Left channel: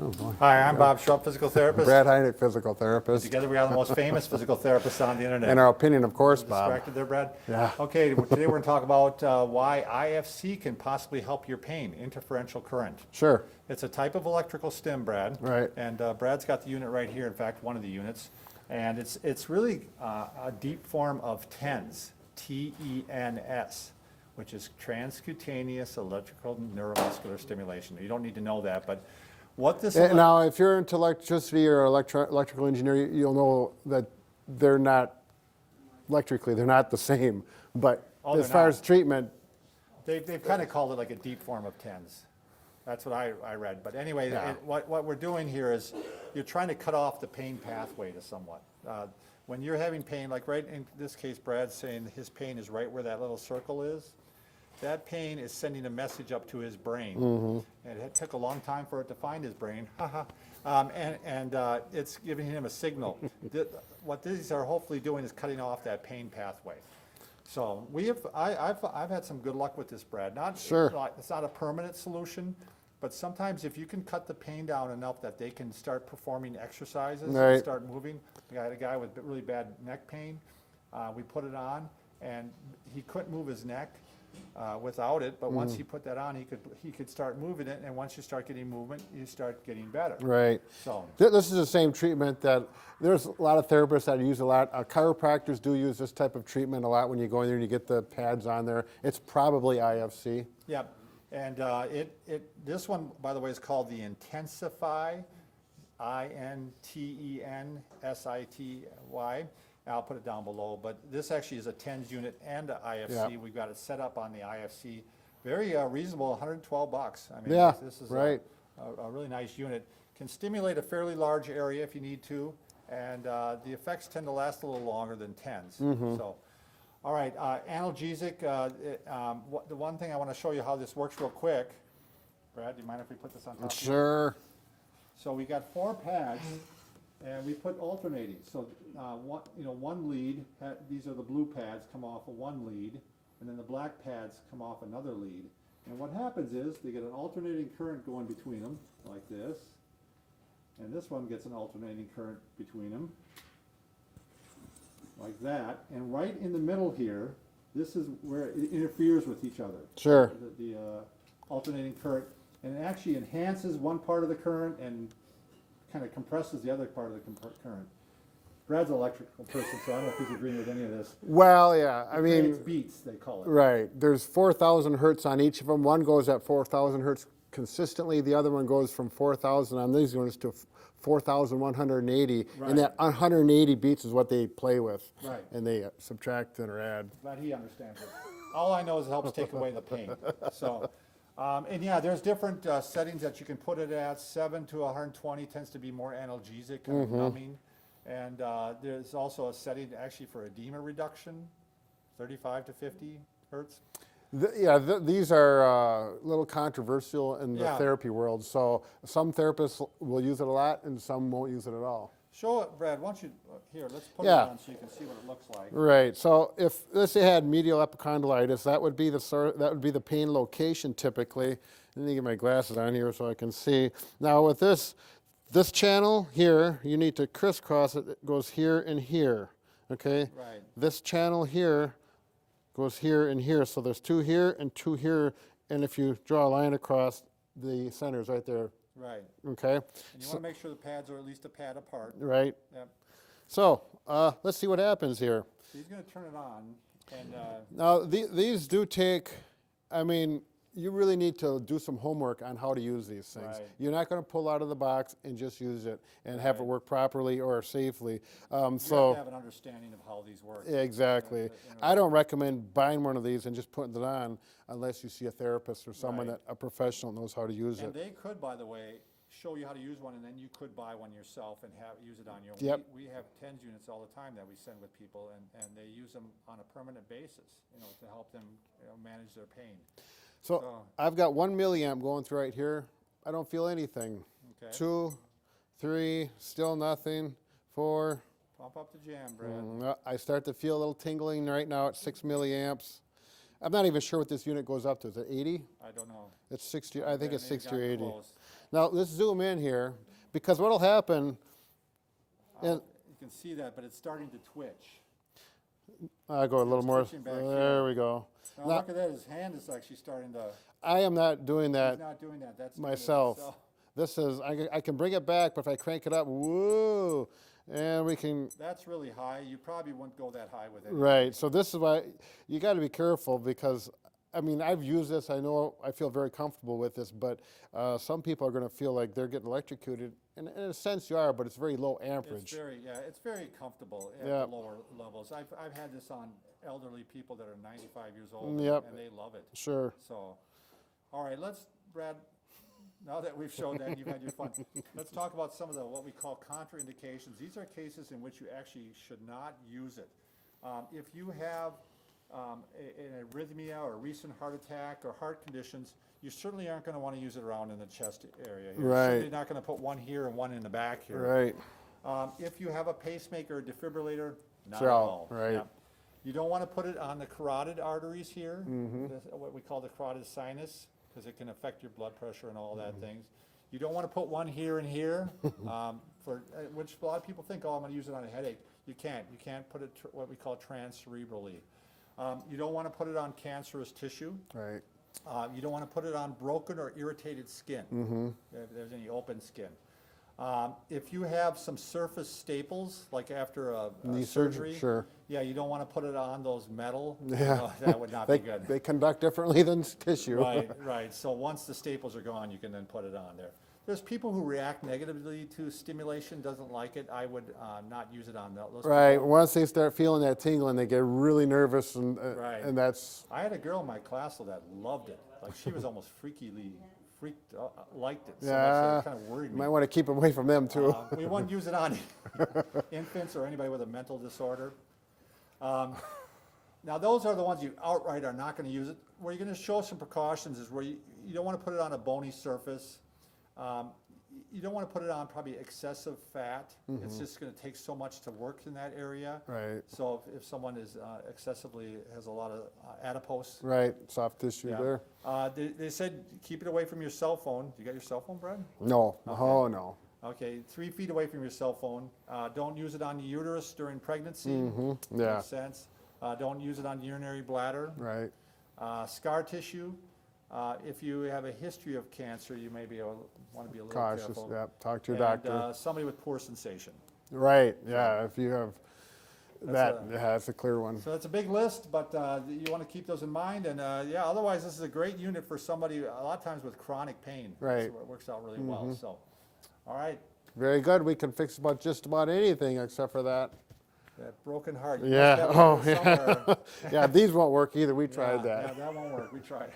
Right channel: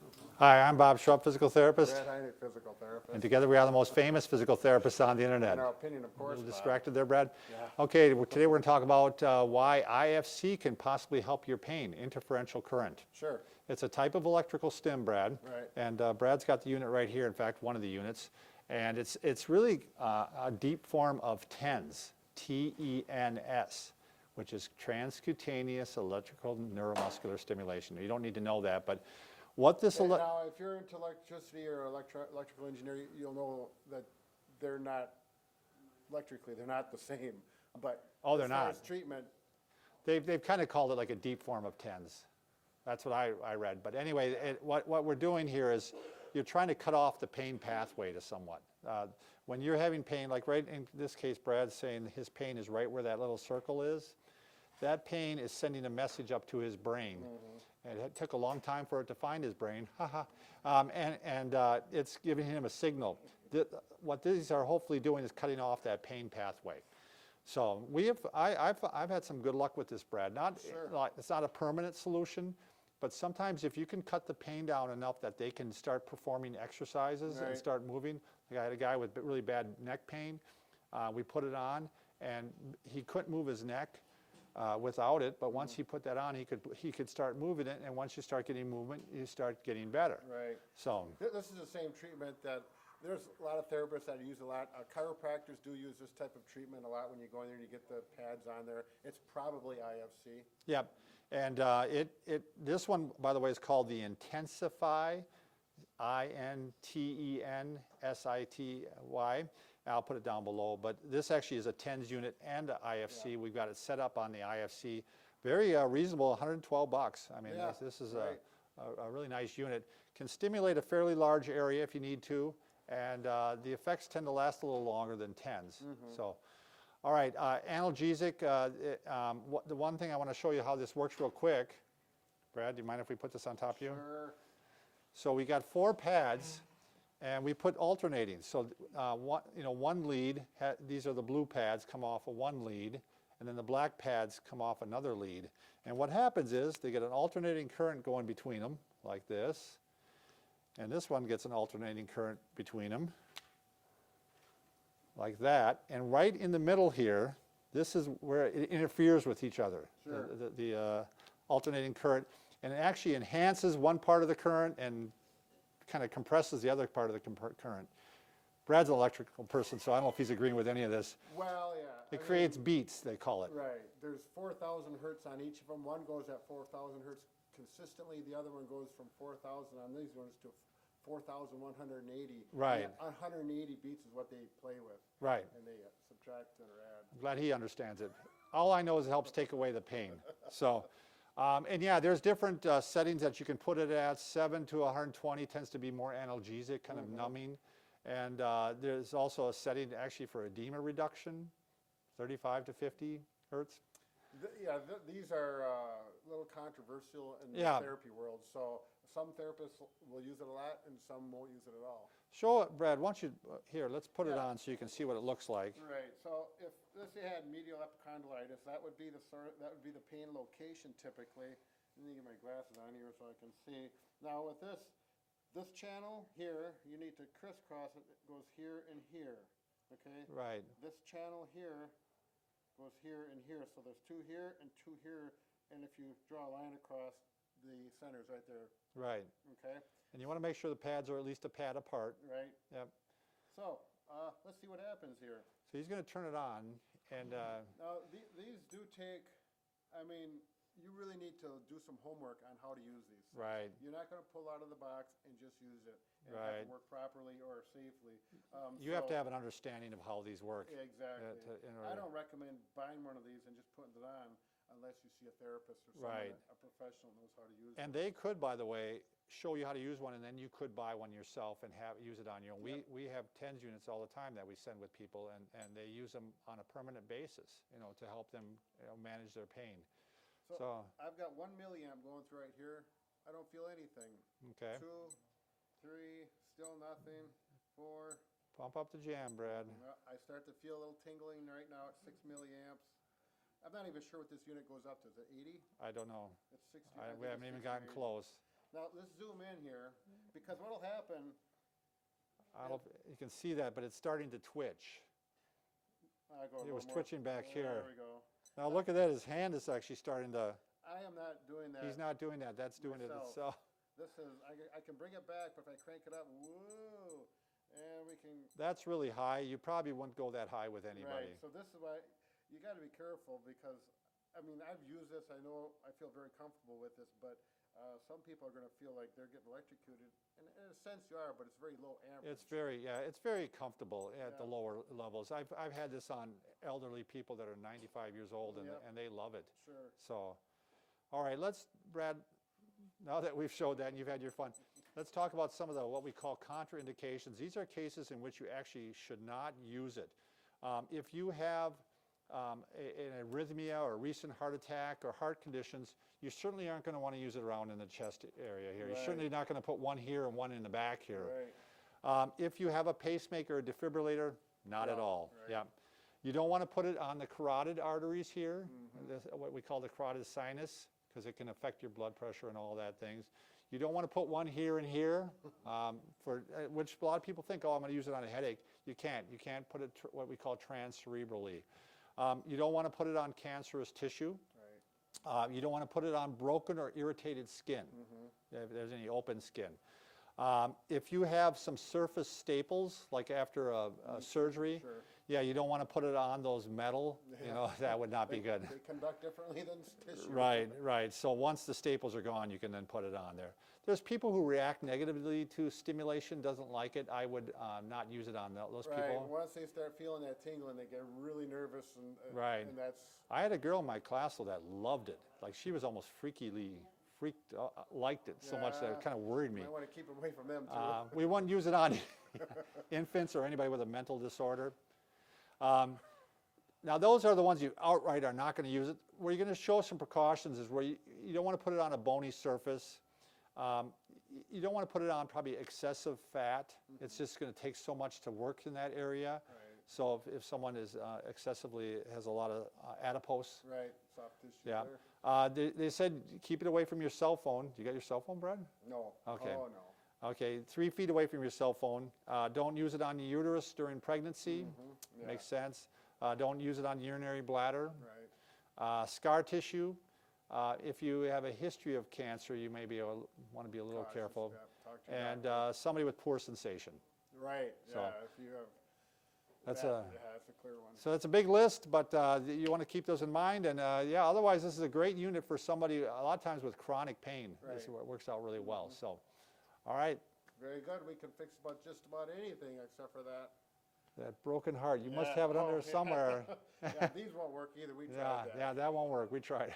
Oh, boy. Hi, I'm Bob Schrupp, physical therapist. Brad Heineck, physical therapist. Together we are the most famous physical therapists on the internet. In our opinion, of course, Bob. Distracted there, Brad? Yeah. Okay, today we're going to talk about why IFC can possibly help your pain, interferential current. Sure. It's a type of electrical stim, Brad. Right. And Brad's got the unit right here, in fact, one of the units. And it's really a deep form of TENS, T-E-N-S, which is transcutaneous electrical neuromuscular stimulation. You don't need to know that, but what this... Now, if you're into electricity or electrical engineering, you'll know that they're not electrically, they're not the same. But as far as treatment... They've kind of called it like a deep form of TENS. That's what I read. But anyway, Yeah. what we're doing here is you're trying to cut off the pain pathway to somewhat. When you're having pain, like right in this case, Brad's saying his pain is right where that little circle is. That pain is sending a message up to his brain. And it took a long time for it to find his brain. and it's giving him a signal. What these are hopefully doing is cutting off that pain pathway. So I've had some good luck with this, Brad. It's not a permanent solution, but sometimes if you can cut the pain down enough that they can start performing exercises and start moving. I had a guy with really bad neck pain. We put it on, and he couldn't move his neck without it. But once he put that on, he could start moving it. And once you start getting movement, you start getting better. Right. So this is the same treatment that there's a lot of therapists that use a lot. Chiropractors do use this type of treatment a lot when you go in there and you get the pads on there. It's probably IFC. Yeah, and this one, by the way, is called the Intensify, I-N-T-E-N-S-I-T-Y. I'll put it down below, but this actually is a TENS unit and a IFC. Yeah. We've got it set up on the IFC. Very reasonable, $112. I mean, Yeah, this is right. a really nice unit. Can stimulate a fairly large area if you need to, and the effects tend to last a little longer than TENS. So, all right, analgesic. The one thing I want to show you how this works real quick. Brad, do you mind if we put this on top of you? Sure. So we got 4 pads, and we put alternating. So one lead, these are the blue pads, come off of one lead, and then the black pads come off another lead. And what happens is they get an alternating current going between them, like this. And this one gets an alternating current between them, like that. And right in the middle here, this is where it interferes with each other. Sure. The alternating current. And it actually enhances one part of the current and kind of compresses the other part of the current. Brad's an electrical person, so I don't know if he's agreeing with any of this. Well, yeah, It creates beats, they call it. Right. There's 4,000 hertz on each of them. One goes at 4,000 hertz consistently. The other one goes from 4,000 on these units to 4,180. Right. And that 180 beats is what they play with. Right. And they subtract and or add. Glad he understands it. All I know is it helps take away the pain. So, and yeah, there's different settings that you can put it at. 7 to 120 tends to be more analgesic, kind of numbing. And there's also a setting actually for edema reduction, 35 to 50 hertz. These are a little controversial in the Yeah. therapy world. So some therapists will use it a lot and some won't use it at all. Show it, Brad. Why don't you, here, let's put it Yeah. on so you can see what it looks like. Right. So if let's say had medial epicondylitis, that would be the pain location typically. Let me get my glasses on here so I can see. Now with this channel here, you need to crisscross it. It goes here and here. Okay. Right. This channel here goes here and here. So there's 2 here and 2 here. And if you draw a line across, the center's right there. Right. Okay. And you want to make sure the pads are at least a pad apart. Right. Yep. So let's see what happens here. So he's going to turn it on. And Now these do take, I mean, you really need to do some homework on how to use these things. Right. You're not going to pull out of the box and just use it and have it Right. work properly or safely. you have to have an understanding of how these work. Exactly. I don't recommend buying one of these and just putting it on unless you see a therapist or someone Right. a professional knows how to use And it. they could, by the way, show you how to use one, and then you could buy one yourself and use it on your own. Yep. We have TENS units all the time that we send with people, and they use them on a permanent basis, to help them manage their pain. So I've got 1 milliamp going through right here. I don't feel anything. Okay. 2, 3, still nothing. 4. Pump up the jam, Brad. I start to feel a little tingling right now at 6 milliamps. I'm not even sure what this unit goes up to. Is it 80? I don't know. It's 60. I think it's Maybe 60 or gotten 80. close. Now let's zoom in here, because what'll happen, and You can see that, but it's starting to twitch. I'll go a little It's more, twitching back there here. we go. Now Now, look at that, his hand is actually starting to, I am not doing he's that not doing that, that's doing it myself. himself. This is, I can bring it back, but if I crank it up, whoa, and we can, That's really high, you probably wouldn't go that high with it. right, so this is why, you gotta be careful, because, I mean, I've used this, I know, I feel very comfortable with this, but some people are gonna feel like they're getting electrocuted, and in a sense you are, but it's very low amperage. It's very comfortable at Yep. the lower levels. I've had this on elderly people that are 95 years old, Yep. and they love it. Sure. So, all right, Brad, now that we've showed that and you've had your fun, let's talk about some of the, what we call contraindications. These are cases in which you actually should not use it. If you have an arrhythmia or a recent heart attack or heart conditions, you certainly aren't going to want to use it around in the chest area. You're Right. certainly not going to put one here and one in the back here. Right. If you have a pacemaker or defibrillator, not It's at out, all. right. Yep. You don't want to put it on the carotid arteries here, Mm-hmm. That's what we call the carotid sinus, because it can affect your blood pressure and all Mm-hmm. that things. You don't want to put one here and here, which a lot of people think, oh, I'm going to use it on a headache. You can't. You can't put it what we call transcerebrally. You don't want to put it on cancerous tissue. Right. You don't want to put it on broken or irritated skin, Mm-hmm. if there's any open skin. If you have some surface staples, like after a Knee surgery, sure. yeah, you don't want to put it on those metal. Yeah. You know, that would not They, be good. they conduct differently than tissue. Right, right. So once the staples are gone, you can then put it on there. There's people who react negatively to stimulation, doesn't like it. I would not use it on those Right. people. Once they start feeling that tingling, they get really nervous, and Right. and that's I had a girl in my class though that loved it. Like she was almost liked it so much that yeah. it kind of worried You me. might want to keep away from them too. We wouldn't use it on infants or anybody with a mental disorder. Now those are the ones you outright are not going to use it. Where you're going to show some precautions is where you don't want to put it on a bony surface. You don't want to put it on probably excessive fat. It's just going to take so much to work in that area. Right. So if someone is excessively has a lot of adipose, Right. Soft tissue yeah. there. They said keep it away from your cell phone. You got your cell phone, Brad? No. Oh no. Okay, 3 feet away from your cell phone. Don't use it on the uterus during pregnancy. Yeah. Makes sense. Don't use it on urinary bladder. Right. Scar tissue. If you have a history of cancer, you may want to be a little Cautious. careful. Yeah. Talk to your And doctor. somebody with poor sensation. Right. Yeah. If you have That's that, yeah, that's a clear one. So it's a big list, but you want to keep those in mind. And yeah, otherwise this is a great unit for somebody a lot of times with chronic pain. Right. So it works out really well. So, all right, Very good. We can fix just about anything except for that. that broken heart. You Yeah. must have Oh, one yeah. somewhere. Yeah. These won't work either. We tried Yeah, that. yeah, that won't work. We tried it.